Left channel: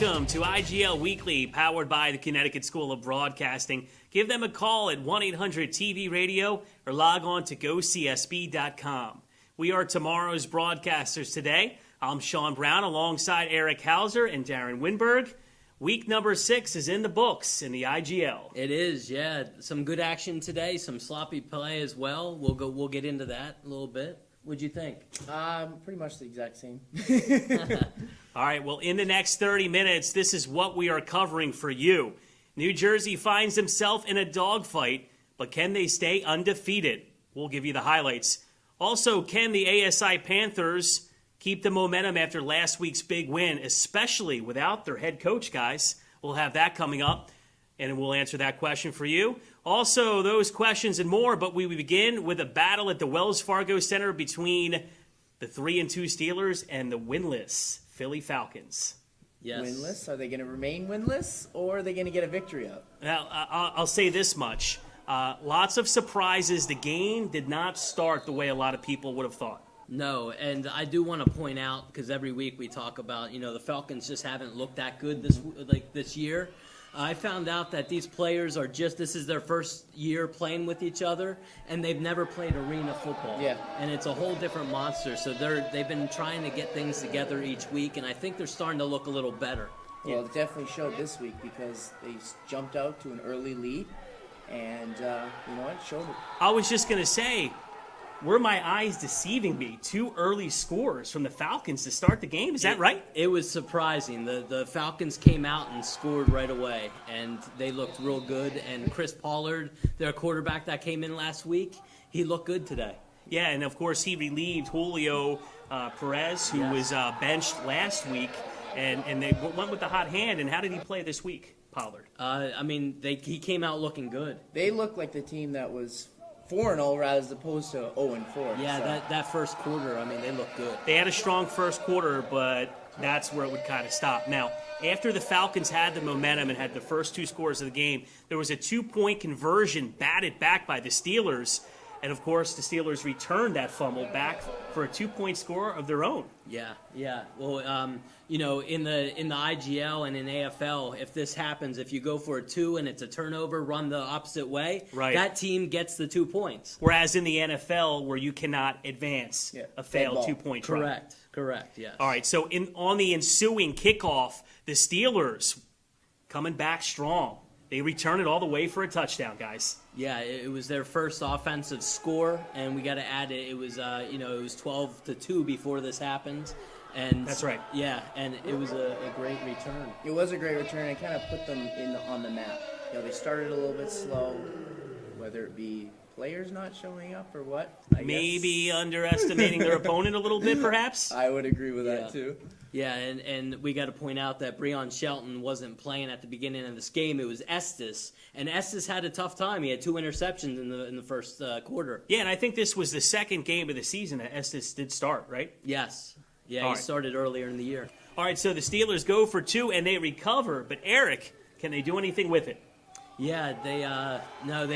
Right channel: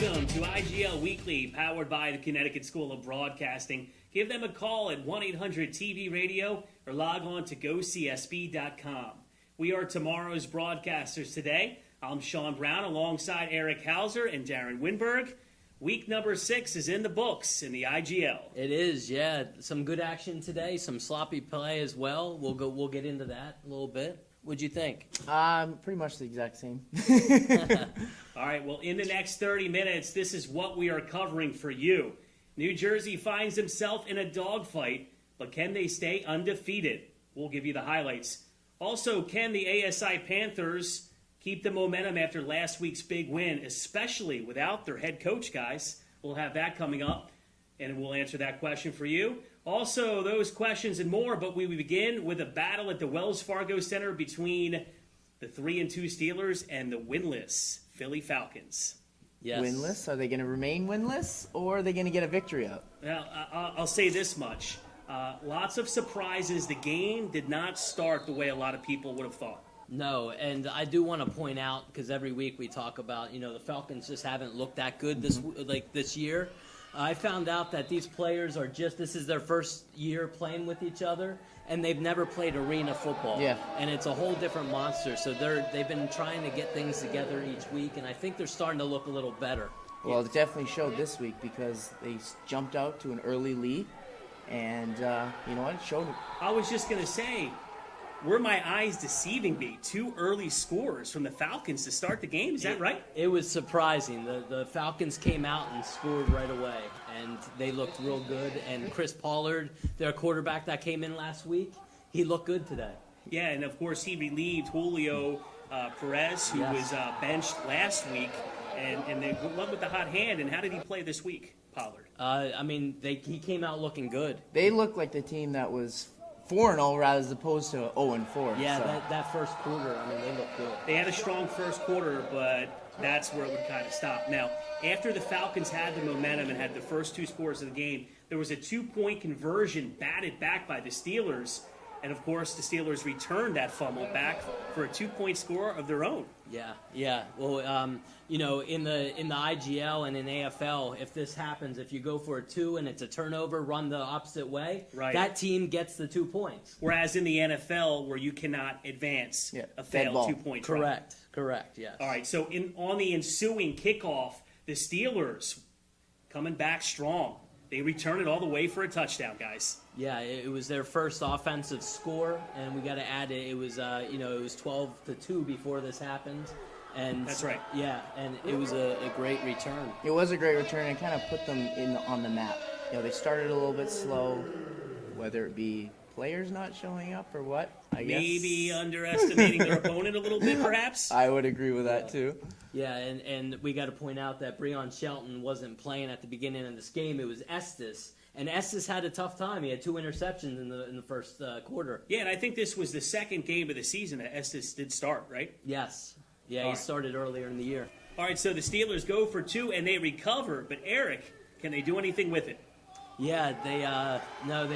Welcome to IGL Weekly, powered by the Connecticut School of Broadcasting. Give them a call at 1-800-TV-RADIO or log on to gocsb.com. We are tomorrow's broadcasters today. I'm Sean Brown alongside Eric Hauser and Darren Winberg. Week number 6 is in the books in the IGL. It is, yeah. Some good action today, some sloppy play as well. We'll get into that a little bit. What'd you think? Pretty much the exact same. All right, well, in the next 30 minutes, this is what we are covering for you. New Jersey finds himself in a dogfight, but can they stay undefeated? We'll give you the highlights. Also, can the ASI Panthers keep the momentum after last week's big win, especially without their head coach, guys? We'll have that coming up, and we'll answer that question for you. Also, those questions and more, but we begin with a battle at the Wells Fargo Center between the 3-2 Steelers and the winless Philly Falcons. Yes. Winless? Are they going to remain winless, or are they going to get a victory out? Now, I'll say this much. Lots of surprises. The game did not start the way a lot of people would have thought. No, and I do want to point out, because every week we talk about, the Falcons just haven't looked that good this year. I found out that these players this is their first year playing with each other, and they've never played arena football. Yeah. And it's a whole different monster. So they've been trying to get things together each week, and I think they're starting to look a little better. Well, it definitely showed this week because they jumped out to an early lead, and you know what? It showed. I was just going to say, were my eyes deceiving me? 2 early scores from the Falcons to start the game. Is that right? It was surprising. The Falcons came out and scored right away, and they looked real good. And Chris Pollard, their quarterback that came in last week, he looked good today. Yeah, and of course he relieved Julio Perez, who was benched last week, and they went with the hot hand. And how did he play this week, Pollard? He came out looking good. They looked like the team that was 4-0 rather as opposed to 0-4. Yeah, so. that first quarter, they looked good. They had a strong first quarter, but that's where it would kind of stop. Now, after the Falcons had the momentum and had the first 2 scores of the game, there was a 2-point conversion batted back by the Steelers. And, of course, the Steelers returned that fumble back for a 2-point score of their own. Yeah. Well, in the IGL and in AFL, if this happens, if you go for a 2 and it's a turnover, run the opposite way, right, that team gets the 2 points. Whereas in the NFL, where you cannot advance a failed 2-point try. Correct, yes. All right, so on the ensuing kickoff, the Steelers coming back strong. They return it all the way for a touchdown, guys. Yeah, it was their first offensive score, and we got to add it. It was, it was 12-2 before this happened, and that's right. Yeah, and it was a great return. It was a great return. It kind of put them on the map. They started a little bit slow, whether it be players not showing up or what. Maybe underestimating their opponent a little bit, perhaps. I would agree with that too. Yeah, and we got to point out that Breon Shelton wasn't playing at the beginning of this game. It was Estes, and Estes had a tough time. He had 2 interceptions in the first quarter. Yeah, and I think this was the second game of the season that Estes did start, right? Yes. Yeah, he started earlier in the year. All right, so the Steelers go for 2 and they recover, but Eric, can they do anything with it? Yeah, they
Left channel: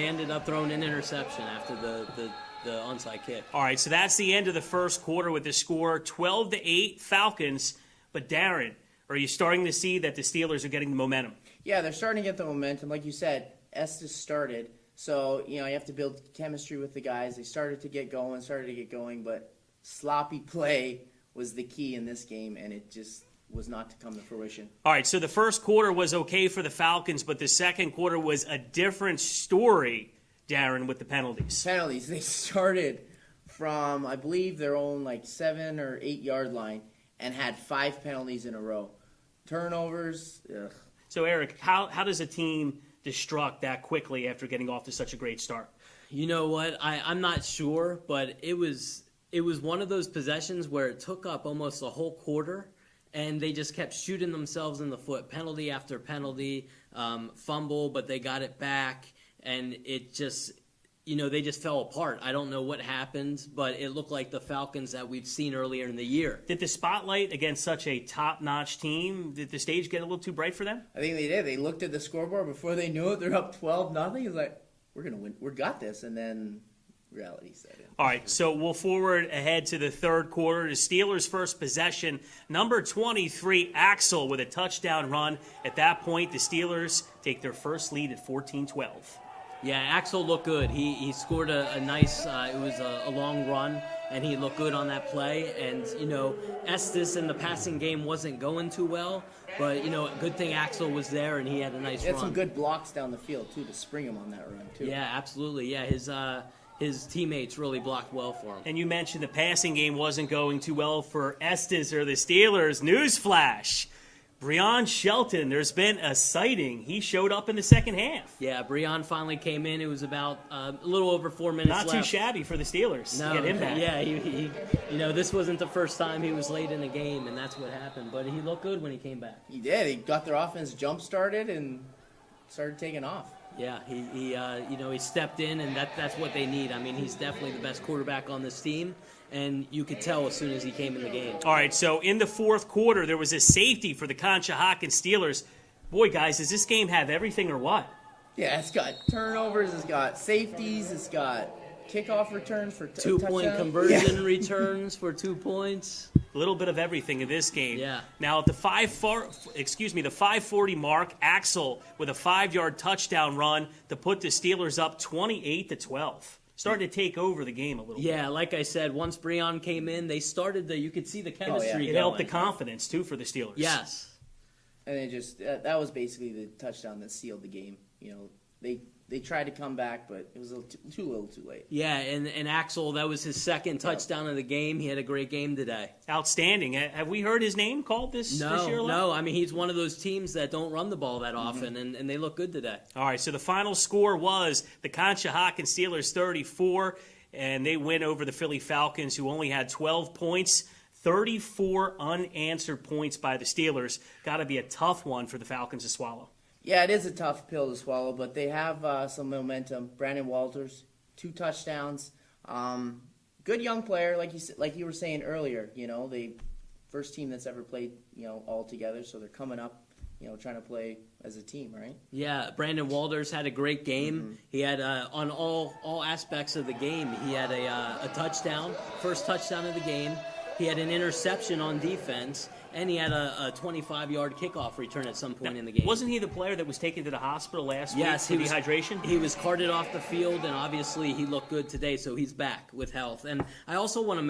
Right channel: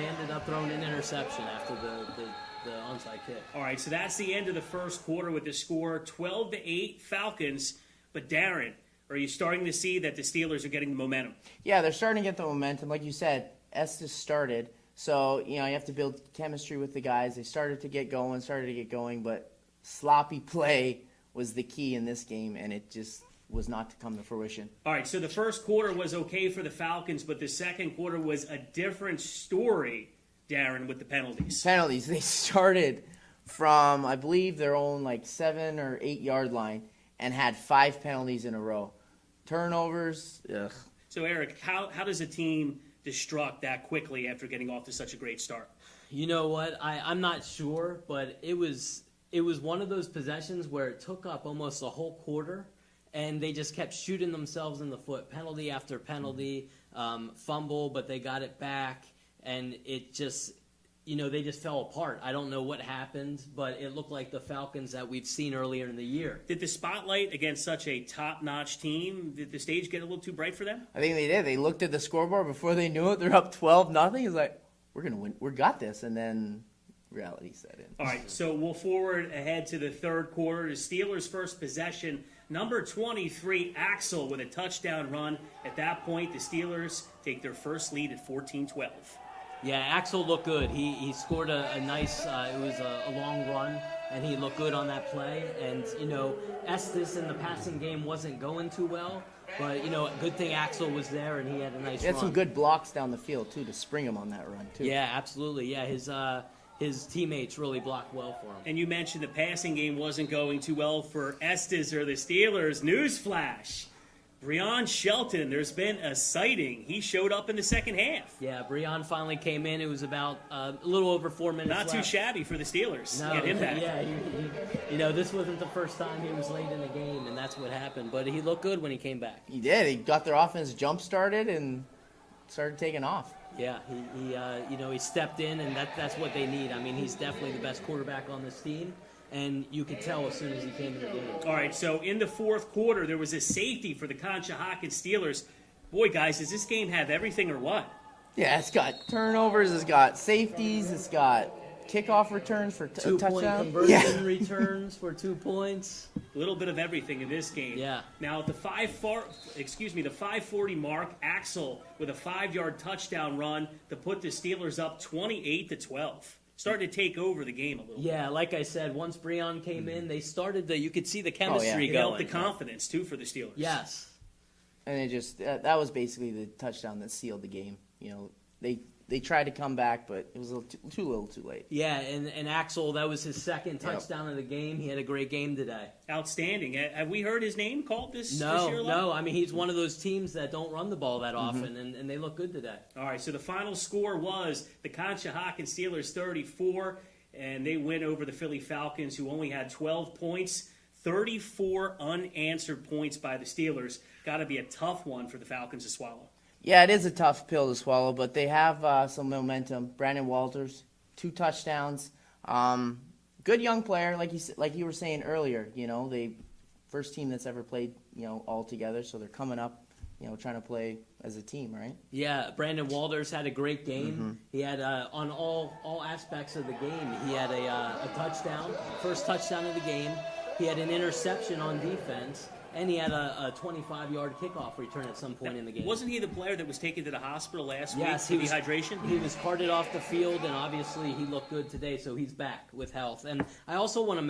ended up throwing an interception after the onside kick. All right, so that's the end of the first quarter with the score 12-8 Falcons. But Darren, are you starting to see that the Steelers are getting the momentum? Yeah, they're starting to get the momentum. Like you said, Estes started. So, you have to build chemistry with the guys. They started to get going, but sloppy play was the key in this game, and it just was not to come to fruition. All right, so the first quarter was okay for the Falcons, but the second quarter was a different story, Darren, with the penalties. They started from, I believe, their own 7 or 8 yard line and had 5 penalties in a row. Turnovers, ugh. So, Eric, how does a team destruct that quickly after getting off to such a great start? You know what? I'm not sure, but it was one of those possessions where it took up almost a whole quarter, and they just kept shooting themselves in the foot, penalty after penalty, fumble, but they got it back, and it just, they just fell apart. I don't know what happened, but it looked like the Falcons that we've seen earlier in the year. Did the spotlight against such a top-notch team, did the stage get a little too bright for them? I think they did. They looked at the scoreboard before they knew it. They're up 12-0. It's like, we're going to win. We got this. And then reality set in. All right, so we'll forward ahead to the third quarter. The Steelers' first possession, number 23, Axel, with a touchdown run. At that point, the Steelers take their first lead at 14-12. Yeah, Axel looked good. He scored a nice, it was a long run, and he looked good on that play. And, Estes in the passing game wasn't going too well, but, good thing Axel was there, and he had a nice He had run. some good blocks down the field, too, to spring him on that run, too. Yeah, absolutely. Yeah, his teammates really blocked well for him. And you mentioned the passing game wasn't going too well for Estes or the Steelers. Newsflash. Breon Shelton, there's been a sighting. He showed up in the second half. Yeah, Breon finally came in. It was about a little over 4 minutes Not left. too shabby for the Steelers. No, Get him back. yeah, he this wasn't the first time he was late in a game, and that's what happened. But he looked good when he came back. He did. He got their offense jump-started and started taking off. Yeah, he stepped in, and that's what they need. I mean, he's definitely the best quarterback on this team, and you could tell as soon as he came in the game. All right, so in the fourth quarter, there was a safety for the Conshohocken Steelers. Boy, guys, does this game have everything or what? Yeah, it's got turnovers, it's got safeties, it's got kickoff returns for Two-point touchdown. conversion returns for 2 points. A little bit of everything in this game. Yeah. Now at the 5:40 mark, Axel with a 5-yard touchdown run to put the Steelers up 28-12. Starting to take over the game a little bit. Yeah, like I said, once Breon came in, they started you could see the chemistry It going. helped the confidence too for the Steelers. Yes. And it just that was basically the touchdown that sealed the game. They tried to come back, but it was a little too late. Yeah, and Axel, that was his second touchdown of the game. He had a great game today. Outstanding. Have we heard his name called this year? No. I mean, he's one of those teams that don't run the ball that often, and they look good today. All right, so the final score was the Conshohocken Steelers 34, and they win over the Philly Falcons, who only had 12 points. 34 unanswered points by the Steelers. Got to be a tough one for the Falcons to swallow. Yeah, it is a tough pill to swallow, but they have some momentum. Brandon Walters, 2 touchdowns. Good young player, like you were saying earlier. They first team that's ever played all together, so they're coming up, trying to play as a team, right? Yeah, Brandon Walters had a great game. He had on all aspects of the game. He had a touchdown, first touchdown of the game. He had an interception on defense. And he had a 25-yard kickoff return at some point in the game. Wasn't he the player that was taken to the hospital last Yes, week for dehydration? He was carted off the field, and obviously he looked good today, so he's back with health. And I also want to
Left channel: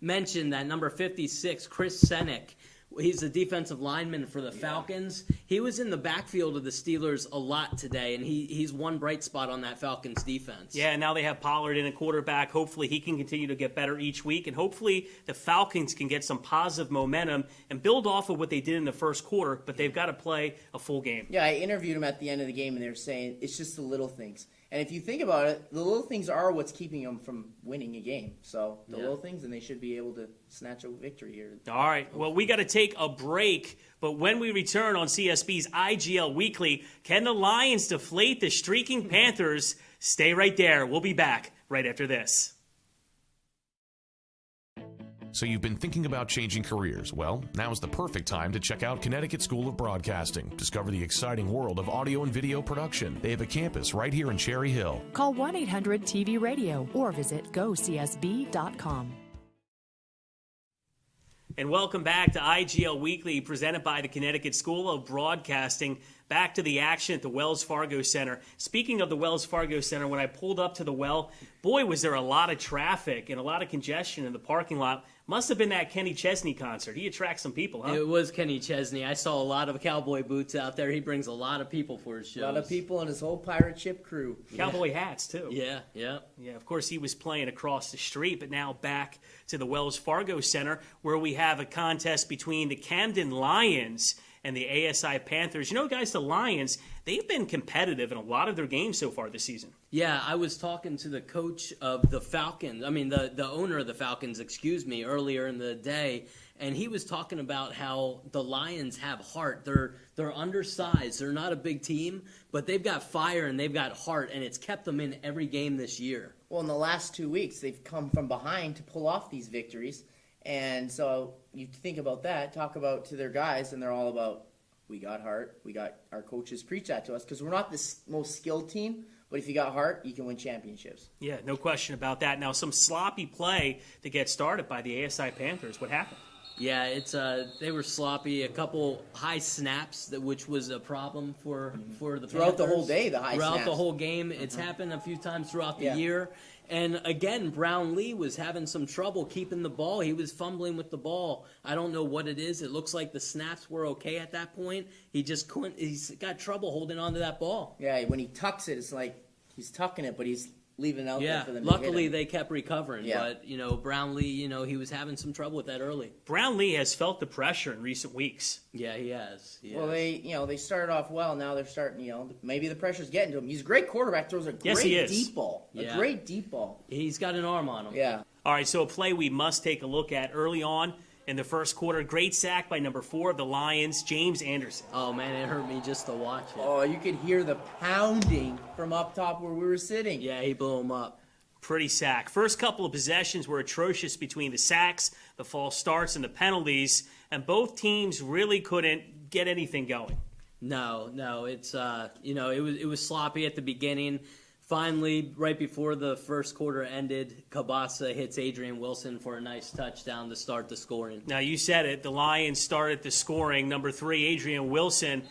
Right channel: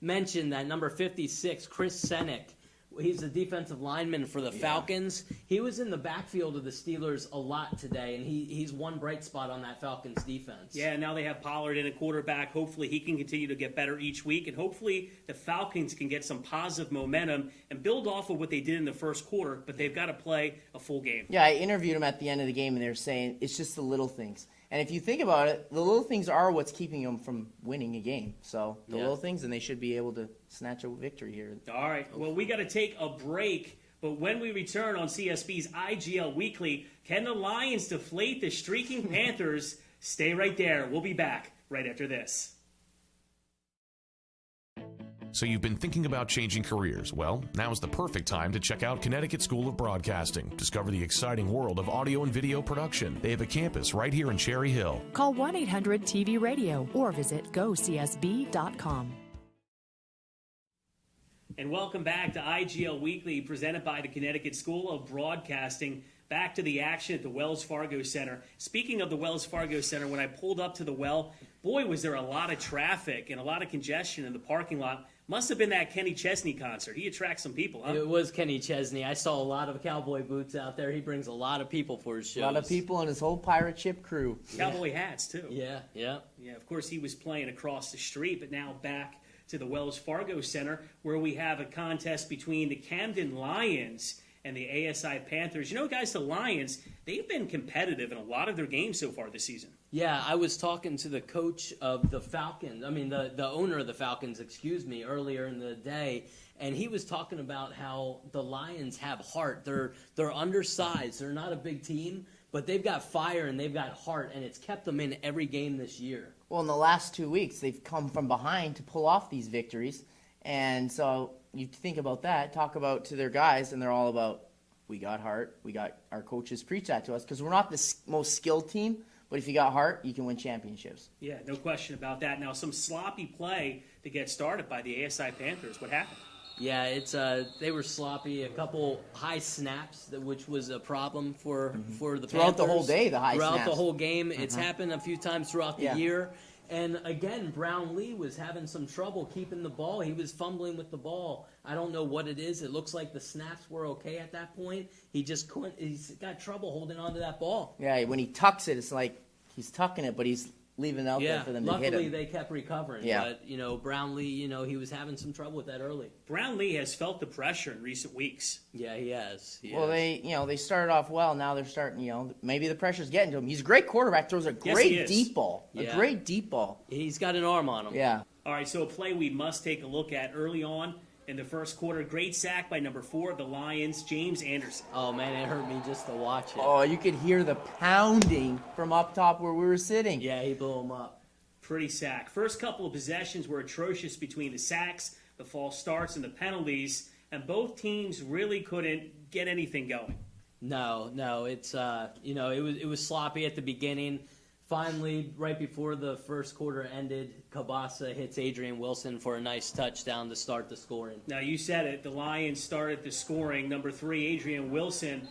mention that number 56, Chris Senek, he's the defensive lineman for the Falcons. He was in the backfield of the Steelers a lot today, and he's one bright spot on that Falcons defense. Yeah, now they have Pollard in a quarterback. Hopefully he can continue to get better each week, and hopefully the Falcons can get some positive momentum and build off of what they did in the first quarter, but they've got to play a full game. Yeah, I interviewed him at the end of the game, and they were saying it's just the little things. And if you think about it, the little things are what's keeping them from winning a game. So the little things, and they should be able to snatch a victory here. All right, well, we got to take a break, but when we return on CSB's IGL Weekly, can the Lions deflate the streaking Panthers? Stay right there. We'll be back right after this. So you've been thinking about changing careers. Well, now's the perfect time to check out Connecticut School of Broadcasting. Discover the exciting world of audio and video production. They have a campus right here in Cherry Hill. Call 1-800-TV-RADIO or visit gocsb.com. And welcome back to IGL Weekly, presented by the Connecticut School of Broadcasting. Back to the action at the Wells Fargo Center. Speaking of the Wells Fargo Center, when I pulled up to the well, boy, was there a lot of traffic and a lot of congestion in the parking lot. Must have been that Kenny Chesney concert. He attracts some people, huh? It was Kenny Chesney. I saw a lot of cowboy boots out there. He brings a lot of people for his shows. A lot of people and his whole pirate ship crew. Cowboy hats, too. Yeah. Yeah, of course, he was playing across the street, but now back to the Wells Fargo Center, where we have a contest between the Camden Lions and the ASI Panthers. Guys, the Lions, they've been competitive in a lot of their games so far this season. Yeah, I was talking to the coach of the Falcons, the owner of the Falcons, earlier in the day, and he was talking about how the Lions have heart. They're undersized. They're not a big team, but they've got fire and they've got heart, and it's kept them in every game this year. Well, in the last 2 weeks, they've come from behind to pull off these victories. And so you think about that, talk about to their guys, and they're all about, we got heart. We got our coaches preach that to us because we're not the most skilled team, But if you got heart, you can win championships. Yeah, no question about that. Now, some sloppy play to get started by the ASI Panthers. What happened? Yeah, it's they were sloppy. A couple high snaps, which was a problem for the Throughout the Panthers. whole day, the high throughout snaps. the whole game. It's happened a few times throughout the year. And again, Brown Lee was having some trouble keeping the ball. He was fumbling with the ball. I don't know what it is. It looks like the snaps were okay at that point. He just couldn't. He's got trouble holding on to that ball. Yeah, when he tucks it, it's like he's tucking it, but he's leaving it out there for them to hit luckily him. they kept recovering. Yeah. But Brown Lee, he was having some trouble with that early. Brown Lee has felt the pressure in recent weeks. Yeah, he has. Well, they started off well. Now they're starting, maybe the pressure's getting to him. He's a great quarterback. Throws a Yes, he great is. deep ball. Yeah. A great deep ball. He's got an arm on him. Yeah. All right, so a play we must take a look at early on in the first quarter. Great sack by number 4 of the Lions, James Anderson. Oh man, it hurt me just to watch it. Oh, you could hear the pounding from up top where we were sitting. Yeah, he blew him up. Pretty sack. First couple of possessions were atrocious between the sacks, the false starts, and the penalties, and both teams really couldn't get anything going. No, it's it was sloppy at the beginning. Finally, right before the first quarter ended, Cabasa hits Adrian Wilson for a nice touchdown to start the scoring. Now, you said it. The Lions started the scoring. Number 3, Adrian Wilson.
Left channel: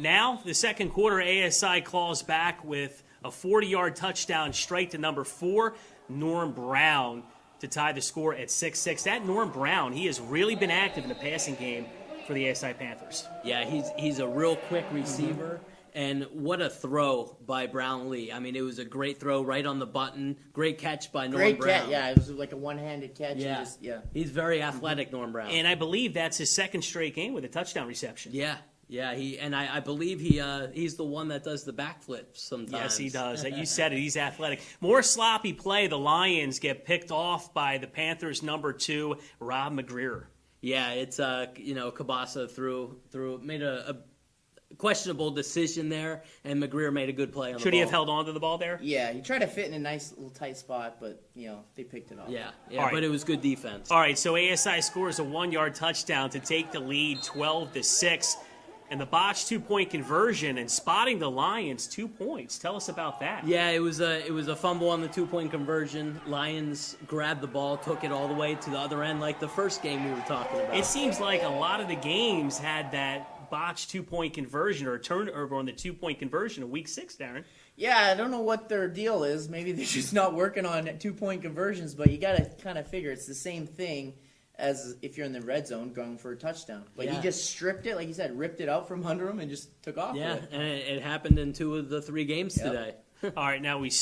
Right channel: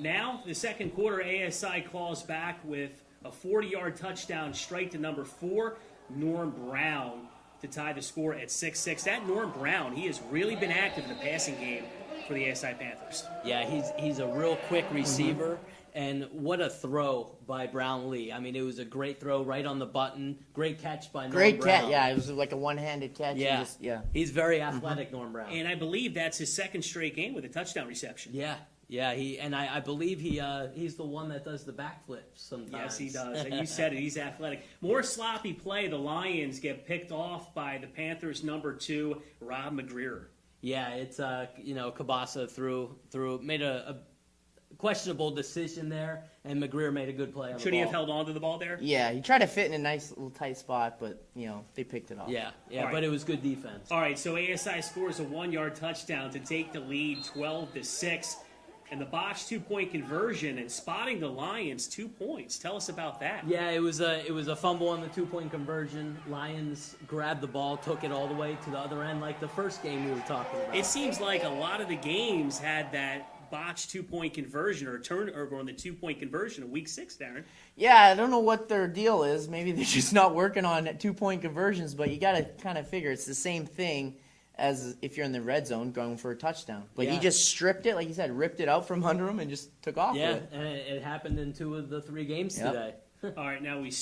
Now, the second quarter, ASI claws back with a 40-yard touchdown straight to number 4, Norm Brown, to tie the score at 6-6. That Norm Brown, he has really been active in the passing game for the ASI Panthers. Yeah, he's a real quick receiver. And what a throw by Brown Lee. I mean, it was a great throw right on the button. Great catch by Norm Great Brown. catch. Yeah, it was like a one-handed catch. Yeah. He's very athletic, Norm Brown. And I believe that's his second straight game with a touchdown reception. Yeah. I believe he's the one that does the backflips sometimes. Yes, he does. You said it. He's athletic. More sloppy play. The Lions get picked off by the Panthers' number 2, Rob McGreer. Yeah, it's Cabasa made a questionable decision there, and McGreer made a good play on the ball. Should he have held on to the ball there? Yeah, he tried to fit in a nice little tight spot, but, they picked it off. Yeah, All but right. it was good defense. All right, so ASI scores a 1-yard touchdown to take the lead 12-6. And the botched 2-point conversion and spotting the Lions 2 points. Tell us about that. Yeah, it was a fumble on the 2-point conversion. Lions grabbed the ball, took it all the way to the other end, like the first game we were talking about. It seems like a lot of the games had that botched 2-point conversion or a turnover on the 2-point conversion in Week 6, Darren. Yeah, I don't know what their deal is. Maybe they're just not working on 2-point conversions, but you got to kind of figure it's the same thing as if you're in the red zone going for a touchdown. Like, he just stripped it, like you said, ripped it out from under him and just took off with it. And it happened in 2 of the 3 games today. All right, now we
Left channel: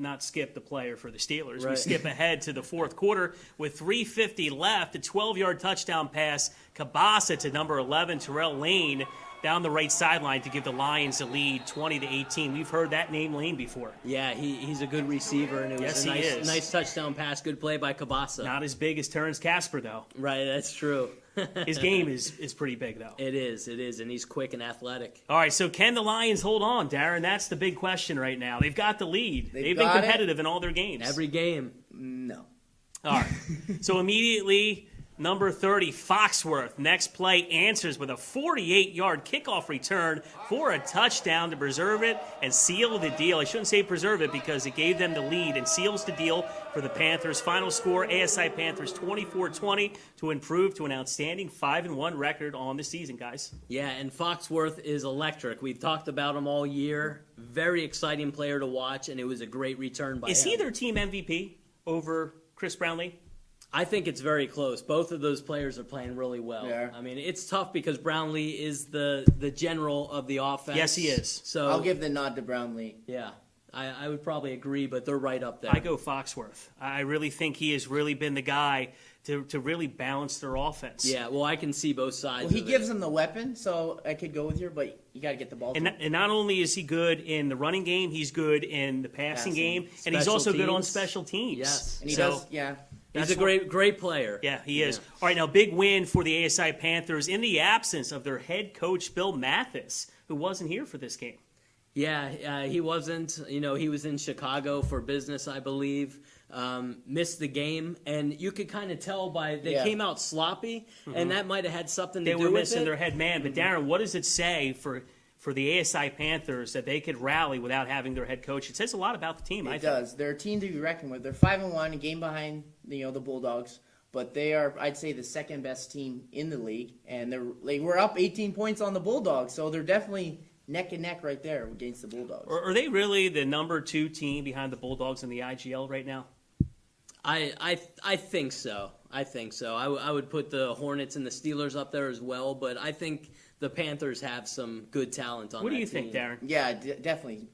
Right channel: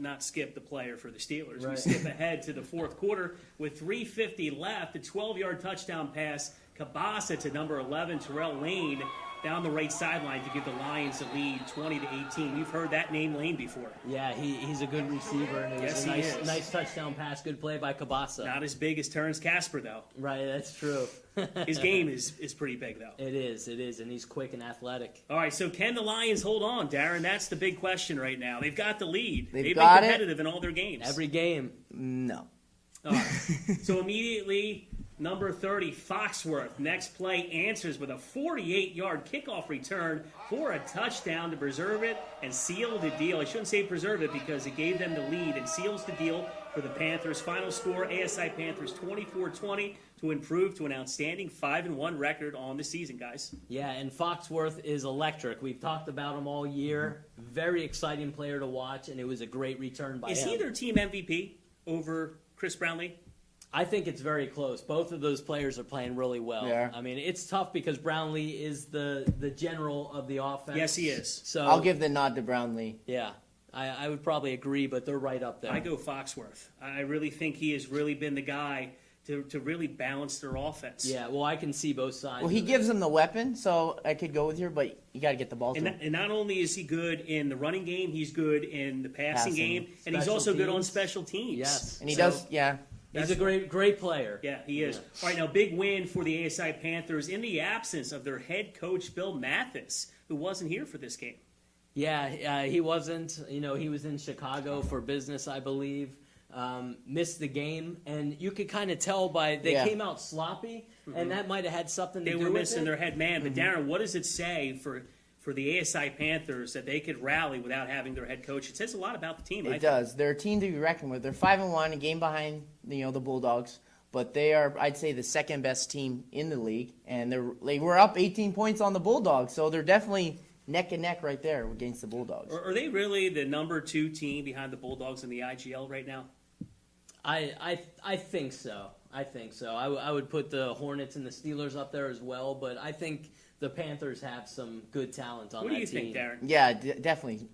not skip the player for the Steelers. We Right. skip ahead to the fourth quarter with 3:50 left. A 12-yard touchdown pass, Cabasa to number 11, Terrell Lane, down the right sideline to give the Lions a lead, 20-18. You've heard that name, Lane, before. Yeah, he's a good receiver, and it was Yes, he a is. nice touchdown pass. Good play by Cabasa. Not as big as Terrence Casper, though. Right, that's true. His game is pretty big, though. It is, and he's quick and athletic. All right, so can the Lions hold on, Darren? That's the big question right now. They've got the lead. They've been got it. competitive in all their games. Every game. No. All right. So immediately, number 30, Foxworth. Next play answers with a 48-yard kickoff return for a touchdown to preserve it and seal the deal. I shouldn't say preserve it because it gave them the lead and seals the deal for the Panthers. Final score, ASI Panthers 24-20 to improve to an outstanding 5-1 record on the season, guys. Yeah, and Foxworth is electric. We've talked about him all year. Very exciting player to watch, and it was a great return by him. Is he their team MVP over Chris Brownlee? I think it's very close. Both of those players are playing really well. Yeah. I mean, it's tough because Brownlee is the general of the offense. Yes, he is. So I'll give the nod to Brownlee. Yeah, I would probably agree, but they're right up there. I go Foxworth. I really think he has really been the guy to really balance their offense. Yeah, well, I can see both sides. Well, he of gives it. them the weapon, so I could go with you, but you got to get the ball to him. And not only is he good in the running game, he's good in the passing game, and he's Special also good on teams. special teams. Yes. And he So, does, yeah. He's that's a great player. Yeah, he is. Yeah. All right, now big win for the ASI Panthers in the absence of their head coach, Bill Mathis, who wasn't here for this game. Yeah, he wasn't. He was in Chicago for business, I believe. Missed the game, and you could kind of tell by they came out sloppy, and that might have had something They to do were with missing it. their head man. But Darren, what does it say for for the ASI Panthers that they could rally without having their head coach. It says a lot about the team. It does. They're a team to be reckoned with. They're 5-1, a game behind the Bulldogs, but they are, I'd say, the second best team in the league, and they were up 18 points on the Bulldogs, so they're definitely neck and neck right there against the Bulldogs. Are they really the number 2 team behind the Bulldogs in the IGL right now? I think so. I would put the Hornets and the Steelers up there as well, but I think the Panthers have some good talent on that team. What do you think, Darren? Yeah, definitely.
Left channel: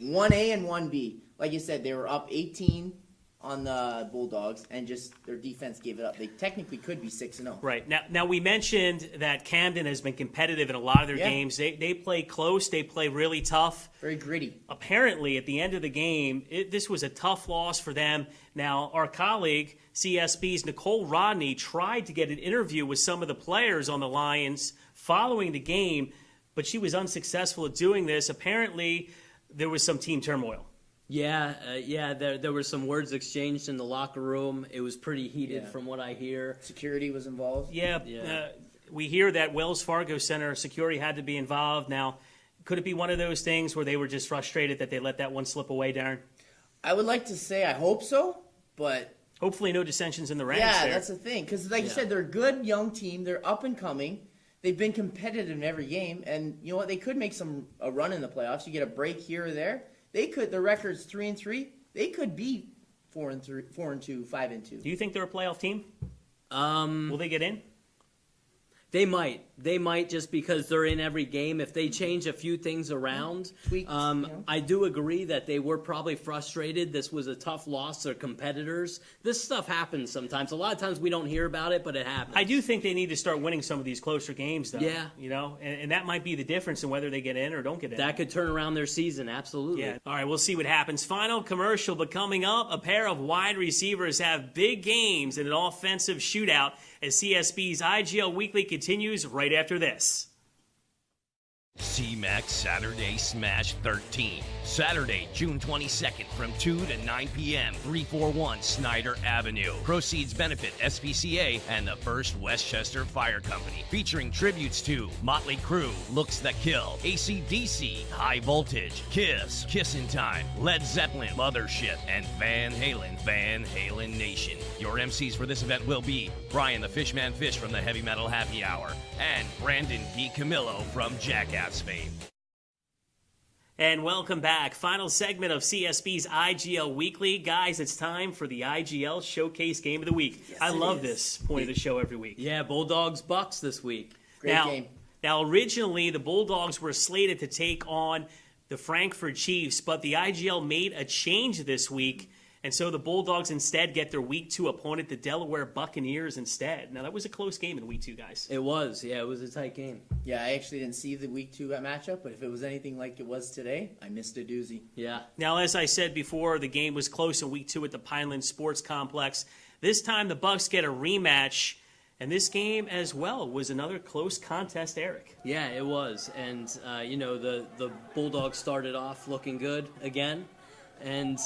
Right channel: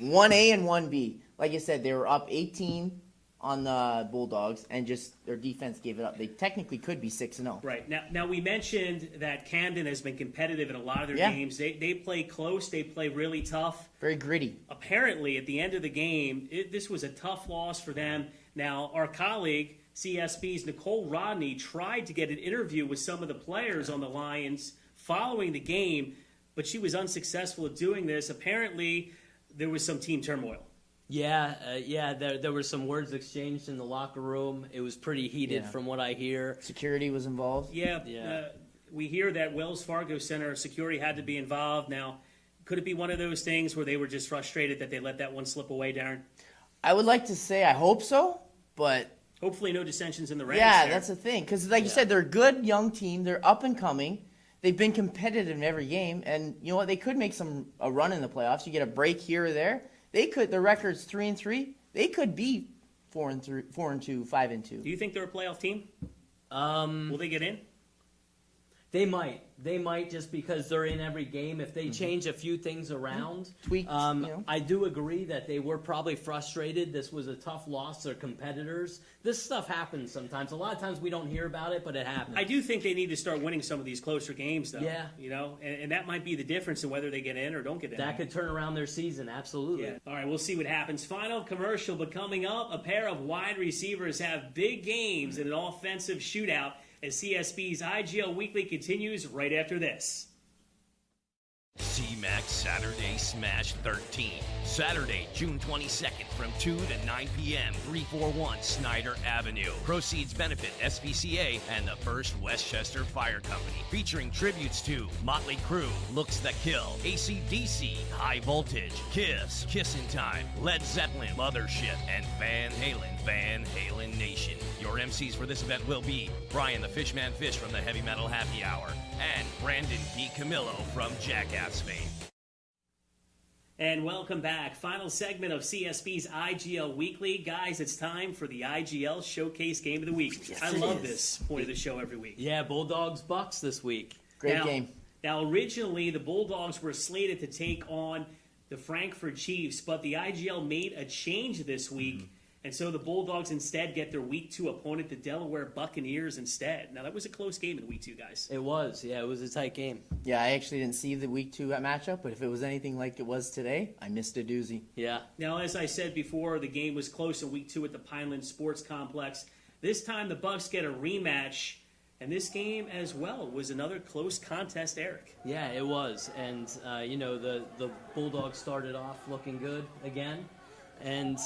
1A and 1B. Like you said, they were up 18 on the Bulldogs, and just their defense gave it up. They technically could be 6-0. Right. Now we mentioned that Camden has been competitive in a lot of their games. They play close. They play really tough. Very gritty. Apparently, at the end of the game, this was a tough loss for them. Now, our colleague, CSB's Nicole Rodney, tried to get an interview with some of the players on the Lions following the game, but she was unsuccessful at doing this. Apparently, there was some team turmoil. Yeah. There were some words exchanged in the locker room. It was pretty heated from what I hear. Security was involved. Yeah. We hear that Wells Fargo Center security had to be involved. Now, could it be one of those things where they were just frustrated that they let that one slip away, Darren? I would like to say I hope so, but hopefully no dissensions in the ranks. Yeah, there. that's the thing. Because like you said, they're a good young team. They're up and coming. They've been competitive in every game, and you know what? They could make a run in the playoffs. You get a break here or there. They could. The record's 3-3. They could be 4-2, 5-2. Do you think they're a playoff team? Will they get in? They might. They might, just because they're in every game. If they change a few things around, tweaked. I do agree that they were probably frustrated. This was a tough loss. They're competitors. This stuff happens sometimes. A lot of times we don't hear about it, but it happens. I do think they need to start winning some of these closer games, though. Yeah. And that might be the difference in whether they get in or don't get in. That could turn around their season, absolutely. Yeah. All right, we'll see what happens. Final commercial, but coming up, a pair of wide receivers have big games in an offensive shootout as CSB's IGL Weekly continues right after this. C-Mac Saturday Smash 13. Saturday, June 22nd from 2 to 9 p.m. 341 Snyder Avenue. Proceeds benefit SPCA and the First Westchester Fire Company. Featuring tributes to Motley Crue, Looks That Kill, AC/DC, High Voltage, Kiss, Kissin' Time, Led Zeppelin, Mothership, and Van Halen Nation. Your MCs for this event will be Brian the Fishman Fish from the Heavy Metal Happy Hour and Brandon D. Camillo from Jackass fame. And welcome back. Final segment of CSB's IGL Weekly. Guys, it's time for the IGL Showcase Game of the Week. Yes, I love this point of the show every week. Yeah, Bulldogs Bucks this week. Great game. Now, originally, the Bulldogs were slated to take on the Frankfurt Chiefs, but the IGL made a change this week, and so the Bulldogs instead get their Week 2 opponent, the Delaware Buccaneers, instead. Now, that was a close game in Week 2, guys. It was. Yeah, it was a tight game. Yeah, I actually didn't see the Week 2 matchup, but if it was anything like it was today, I missed a doozy. Yeah. Now, as I said before, the game was close in Week 2 at the Pineland Sports Complex. This time, the Bucks get a rematch, and this game as well was another close contest, Eric. Yeah, it was. And, the Bulldogs started off looking good again. And,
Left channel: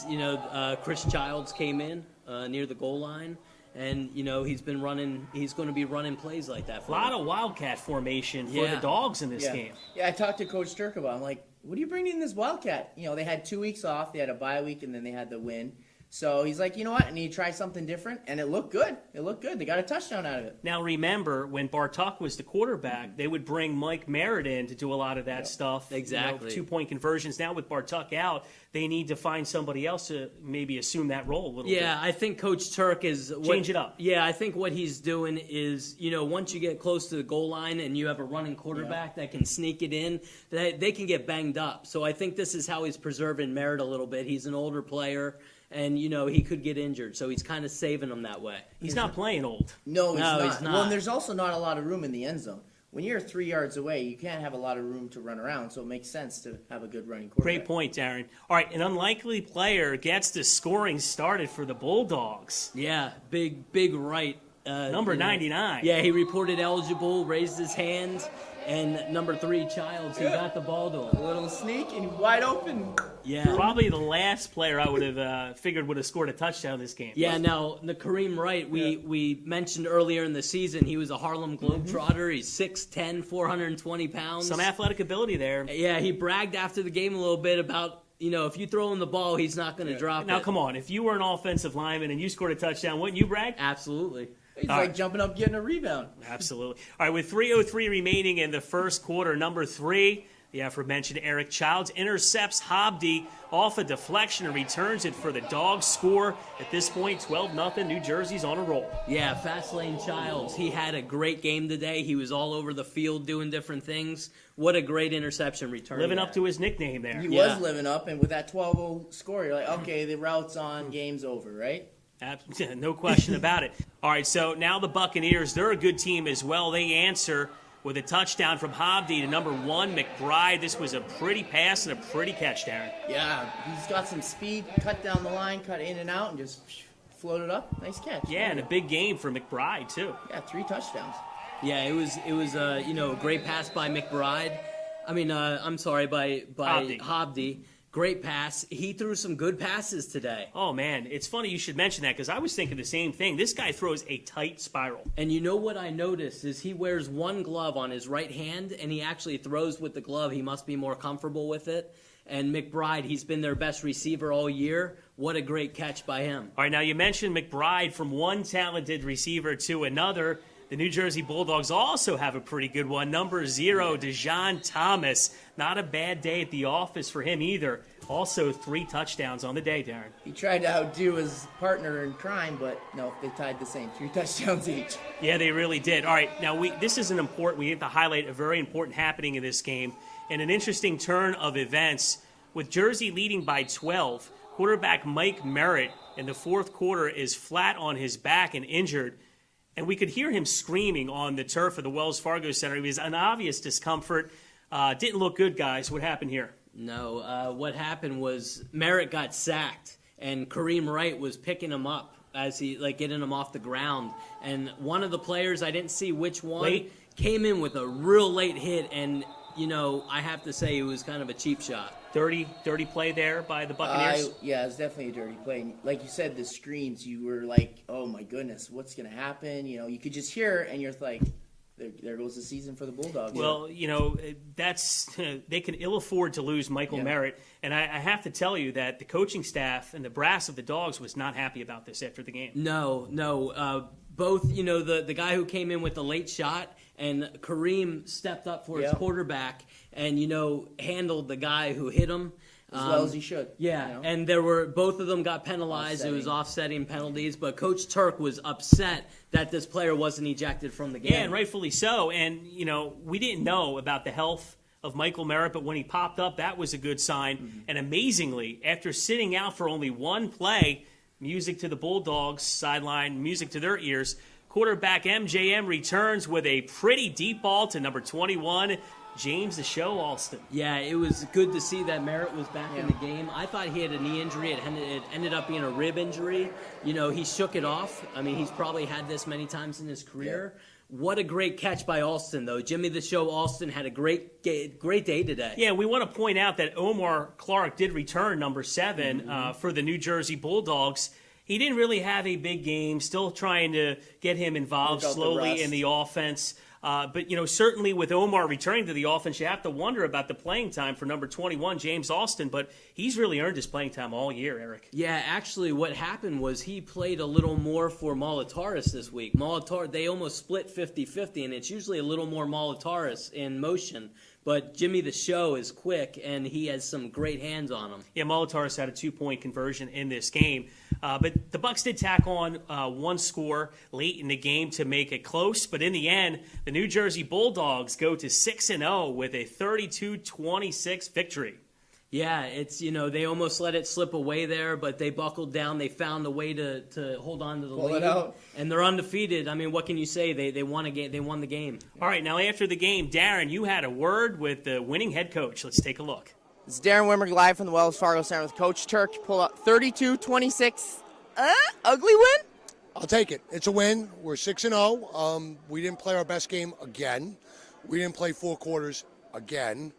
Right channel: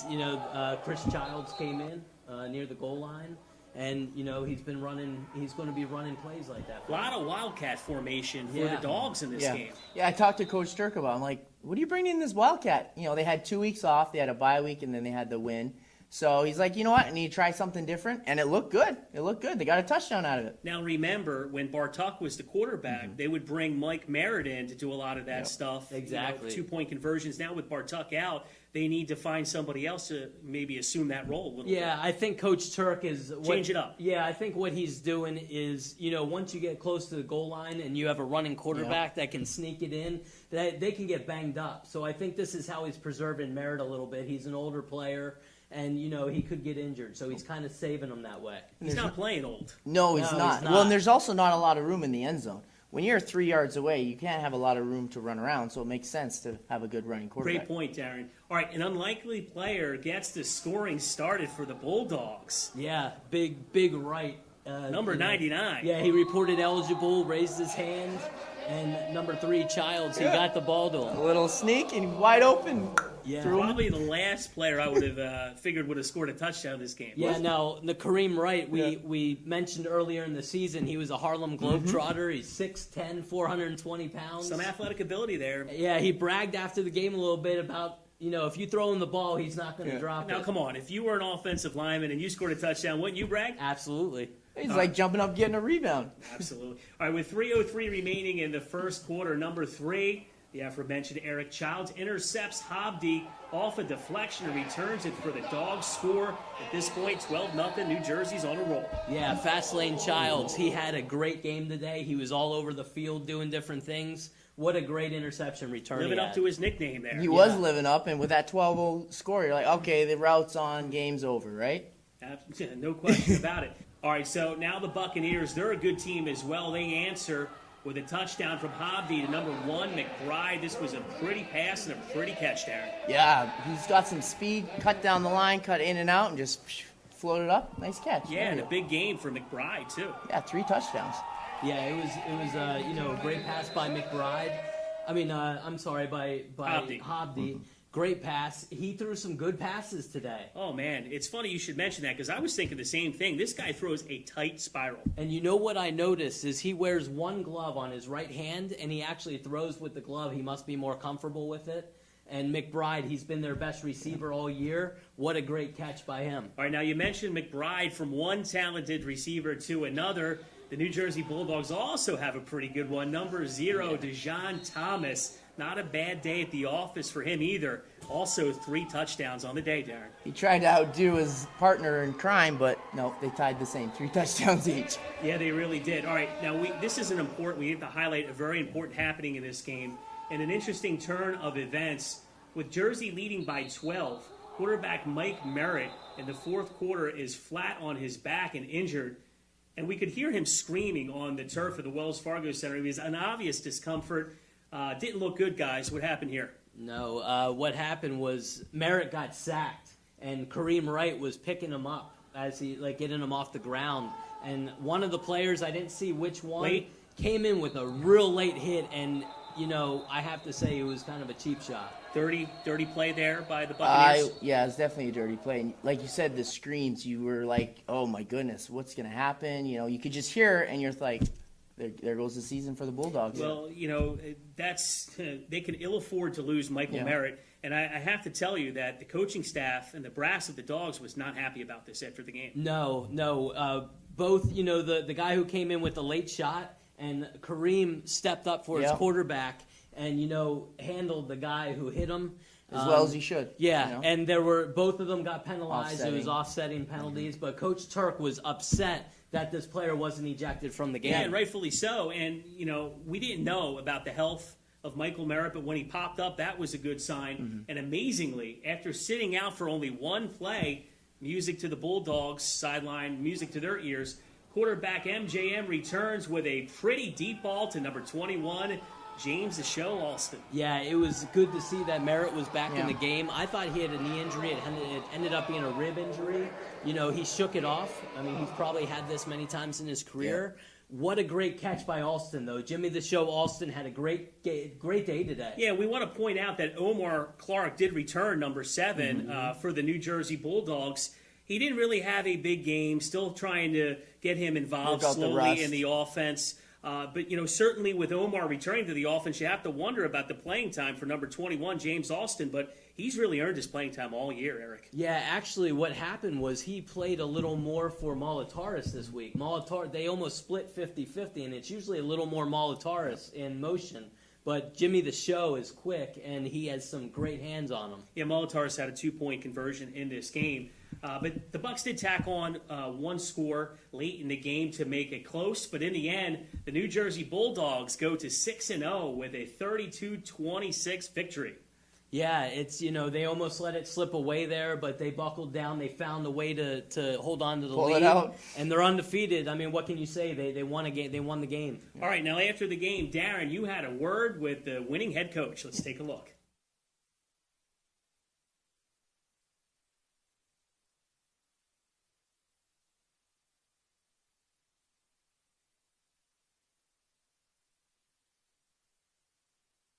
Chris Childs came in near the goal line. And, he's going to be running plays like that. A lot of Wildcat formation for the Dogs in this game. Yeah, I talked to Coach Turk about it. I'm like, what do you bring in this Wildcat? They had 2 weeks off. They had a bye week, and then they had the win. So he's like, you know what? I need to try something different. And it looked good. They got a touchdown out of it. Now, remember, when Bartuk was the quarterback, they would bring Mike Merritt in to do a lot of that stuff. Exactly. 2-point conversions. Now, with Bartuk out, they need to find somebody else to maybe assume that role a little bit. Yeah, I think Coach Turk is... Change it up. Yeah, I think what he's doing is, once you get close to the goal line and you have a running quarterback that can sneak it in, that they can get banged up. So I think this is how he's preserving Merritt a little bit. He's an older player. And, he could get injured, so he's kind of saving them that way. He's not playing old. No, he's not. He's not. Well, and there's also not a lot of room in the end zone. When you're 3 yards away, you can't have a lot of room to run around, so it makes sense to have a good running quarterback. Great point, Darren. All right, an unlikely player gets the scoring started for the Bulldogs. Yeah, big right. Number 99. Yeah, he reported eligible, raised his hand, and number 3, Childs, he got the ball to him. A little sneak and wide open. Yeah. Probably the last player I would have figured would have scored a touchdown this game. Yeah, now, the Kareem Wright, we mentioned earlier in the season, he was a Harlem Globetrotter. He's 6'10", 420 pounds. Some athletic ability there. Yeah, he bragged after the game a little bit about, if you throw him the ball, he's not going to drop it. Now, come on. If you were an offensive lineman and you scored a touchdown, wouldn't you brag? Absolutely. He's like jumping up, getting a rebound. Absolutely. All right, with 3:03 remaining in the first quarter, number 3, the aforementioned Eric Childs intercepts Hobdy off a deflection and returns it for the Dogs score. At this point, 12-0, New Jersey's on a roll. Yeah, Fast Lane Childs, he had a great game today. He was all over the field doing different things. What a great interception return. Living up to his nickname there. He was living up, and with that 12-0 score, you're like, okay, the route's on, game's over, right? No question about it. All right, so now the Buccaneers, they're a good team as well. They answer with a touchdown from Hobdy to number 1, McBride. This was a pretty pass and a pretty catch, Darren. Yeah, he's got some speed, cut down the line, cut in and out, and just floated up. Nice catch. Yeah, and a big game for McBride, too. Yeah, 3 touchdowns. Yeah, it was a great pass by McBride. By Hobdy. Great pass. He threw some good passes today. Oh, man. It's funny you should mention that because I was thinking the same thing. This guy throws a tight spiral. And you know what I noticed is he wears one glove on his right hand, and he actually throws with the glove. He must be more comfortable with it. And McBride, he's been their best receiver all year. What a great catch by him. All right, now you mentioned McBride from one talented receiver to another. The New Jersey Bulldogs also have a pretty good one. Number 0, Dejon Thomas. Not a bad day at the office for him either. Also 3 touchdowns on the day, Darren. He tried to outdo his partner in crime, but no, they tied the same. 3 touchdowns each. Yeah, they really did. All right, now this is we need to highlight a very important happening in this game. And an interesting turn of events. With Jersey leading by 12, quarterback Mike Merritt in the fourth quarter is flat on his back and injured. And we could hear him screaming on the turf of the Wells Fargo Center. He was an obvious discomfort. Didn't look good, guys. What happened here? No, what happened was Merritt got sacked, and Kareem Wright was picking him up as he, getting him off the ground. And one of the players, I didn't see which one, came in with a real late hit, and, I have to say it was kind of a cheap shot. Dirty play there by the Buccaneers? Yeah, it's definitely a dirty play. Like you said, the screens, you were like, oh my goodness, what's going to happen? You could just hear it, and you're like, there goes the season for the Bulldogs. Well, they can ill afford to lose Michael Merritt. And I have to tell you that the coaching staff and the brass of the Dogs was not happy about this after the game. No. Both, the guy who came in with the late shot and Kareem stepped up for his quarterback and, handled the guy who hit him. As well as he should. Yeah, and both of them got penalized. Offsetting. It was offsetting penalties, but Coach Turk was upset that this player wasn't ejected from the game. Yeah, and rightfully so. And, we didn't know about the health of Michael Merritt, but when he popped up, that was a good sign. Mm-hmm. And amazingly, after sitting out for only one play, music to the Bulldogs sideline, music to their ears, quarterback MJM returns with a pretty deep ball to number 21, James the Show Alston. Yeah, it was good to see that Merritt was back in the game. I thought he had a knee injury. It ended up being a rib injury. He shook it off. I mean, he's probably had this many times in his career. Yeah. What a great catch by Alston, though. Jimmy the Show Alston had a great day today. Yeah, we want to point out that Omar Clark did return number 7 for the New Jersey Bulldogs. He didn't really have a big game, still trying to get him involved slowly in the offense. But, certainly with Omar returning to the offense, you have to wonder about the playing time for number 21, James Alston. But he's really earned his playing time all year, Eric. Yeah, actually what happened was he played a little more for Molitaris this week. They almost split 50-50, and it's usually a little more Molitaris in motion. But Jimmy the Show is quick, and he has some great hands on him. Yeah, Molitaris had a 2-point conversion in this game. But the Bucs did tack on one score late in the game to make it close. But in the end, the New Jersey Bulldogs go to 6-0 with a 32-26 victory. Yeah, it's they almost let it slip away there, but they buckled down. They found a way to hold on to the lead, and they're undefeated. I mean, what can you say? They won a game. They won the game. All right, now after the game, Darren, you had a word with the winning head coach. Let's take a look. It's Darren Wimmer live from the Wells Fargo Center with Coach Turk. Pull up 32-26. Ugly win? I'll take it. It's a win. We're 6-0. We didn't play our best game again. We didn't play 4 quarters again.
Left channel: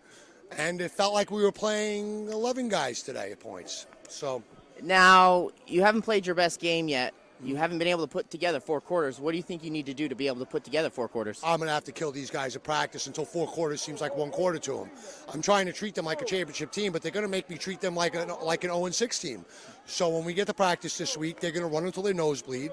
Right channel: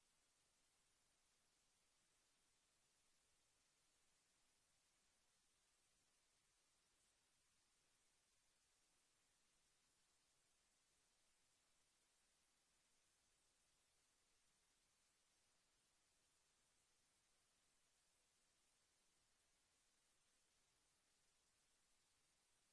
and it felt like we were playing 11 guys today at points. So Now, you haven't played your best game yet. You haven't been able to put together 4 quarters. What do you think you need to do to be able to put together 4 quarters? I'm going to have to kill these guys at practice until 4 quarters seems like 1 quarter to them. I'm trying to treat them like a championship team, but they're going to make me treat them like an 0-6 team. So when we get to practice this week, they're going to run until their nose bleed,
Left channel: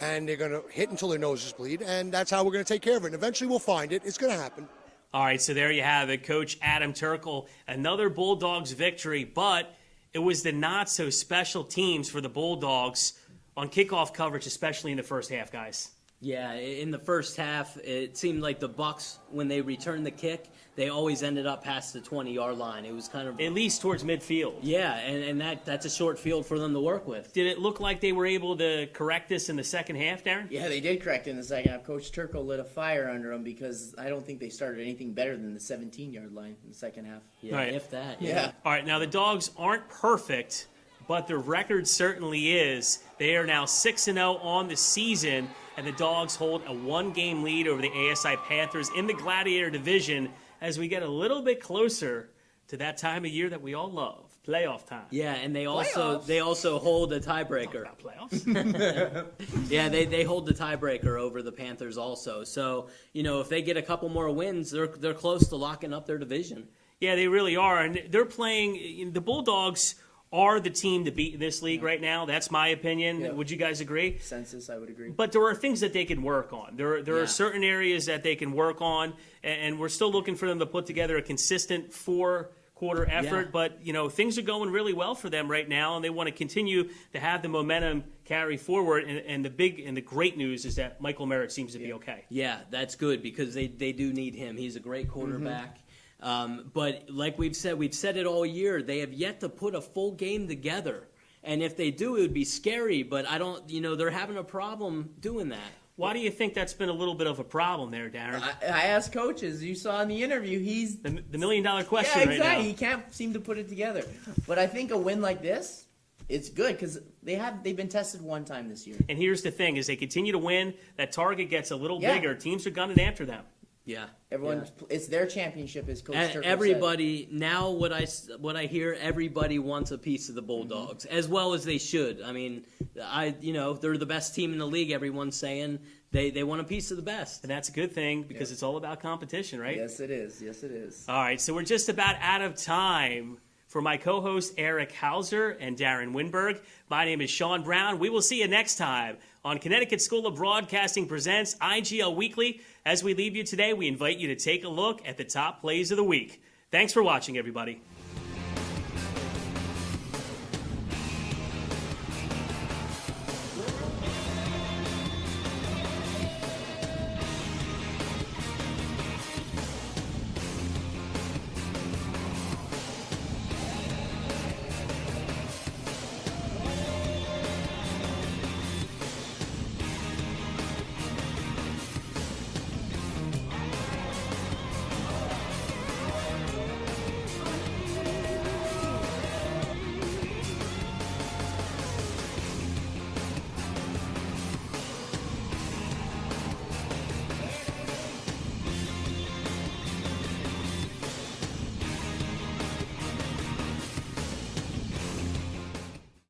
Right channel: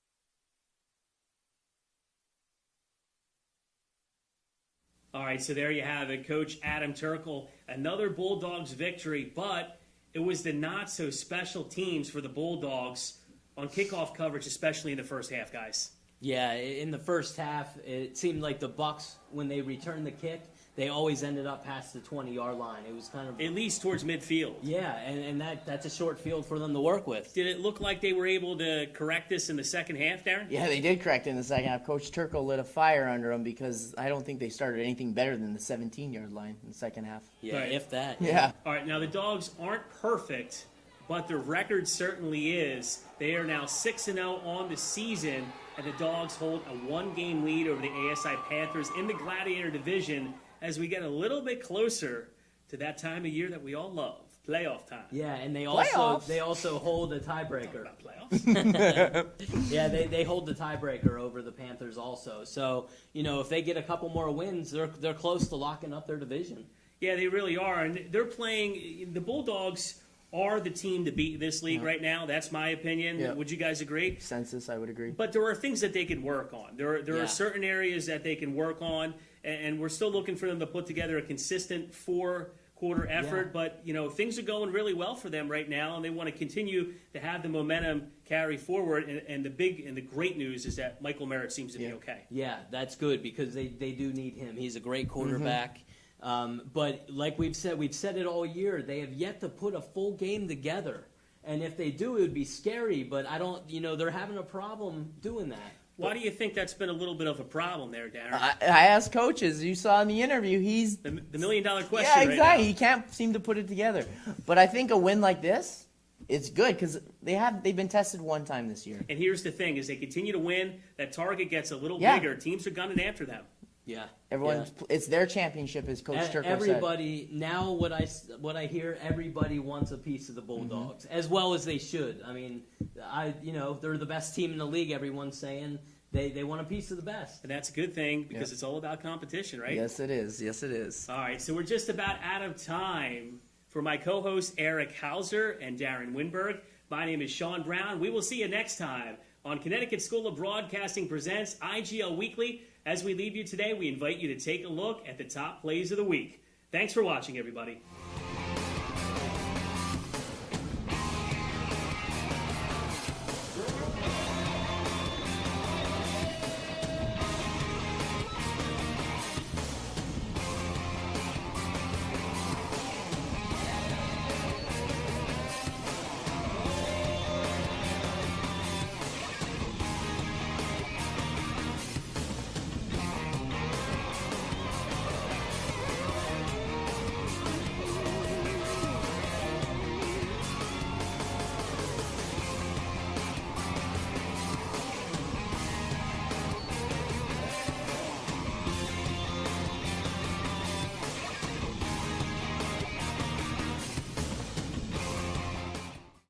and they're going to hit until their noses bleed, and that's how we're going to take care of it. And eventually we'll find it. It's going to happen. All right, so there you have it, Coach Adam Turkle. Another Bulldogs victory, but it was the not-so-special teams for the Bulldogs on kickoff coverage, especially in the first half, guys. Yeah, in the first half, it seemed like the Bucks, when they returned the kick, they always ended up past the 20-yard line. It was kind of... At least towards midfield. Yeah, and that's a short field for them to work with. Did it look like they were able to correct this in the second half, Darren? Yeah, they did correct it in the second half. Coach Turkle lit a fire under them because I don't think they started anything better than the 17-yard line in the second half. Yeah, Right. if that. Yeah. All right, now the Dogs aren't perfect, but their record certainly is. They are now 6-0 on the season, and the Dogs hold a 1-game lead over the ASI Panthers in the Gladiator Division as we get a little bit closer to that time of year that we all love, playoff time. Yeah, and they Playoffs. also hold a tiebreaker. Not playoffs. Yeah, they hold the tiebreaker over the Panthers also. So, if they get a couple more wins, they're close to locking up their division. Yeah, they really are, and they're playing. The Bulldogs are the team to beat in this league right now. That's my opinion. Yeah. Would you guys agree? Census, I would agree. But there are things that they can work on. There Yeah. are certain areas that they can work on, and we're still looking for them to put together a consistent 4-quarter effort. Yeah. But things are going really well for them right now, and they want to continue to have the momentum carry forward. And the great news is that Michael Merritt seems to be okay. Yeah, that's good because they do need him. He's a great quarterback. But like we've said it all year, they have yet to put a full game together. And if they do, it would be scary. But I don't, they're having a problem doing that. Why do you think that's been a little bit of a problem there, Darren? I asked coaches. You saw in the interview, he's... The million-dollar question Yeah, right exactly. now. He can't seem to put it together. But I think a win like this, it's good because they've been tested one time this year. And here's the thing: as they continue to win, that target gets a little Yeah. bigger. Teams are gunning after them. Yeah, Everyone, it's their championship, as Coach Turkle said. everybody now. What I hear, everybody wants a piece of the Bulldogs, as well as they should. I mean, they're the best team in the league. Everyone's saying they want a piece of the best. And that's a good thing because it's all about competition, right? Yes, it is. Yes, it is. All right, so we're just about out of time. For my co-host Eric Hauser and Darren Winberg, my name is Sean Brown. We will see you next time on Connecticut School of Broadcasting presents IGL Weekly. As we leave you today, we invite you to take a look at the top plays of the week. Thanks for watching, everybody.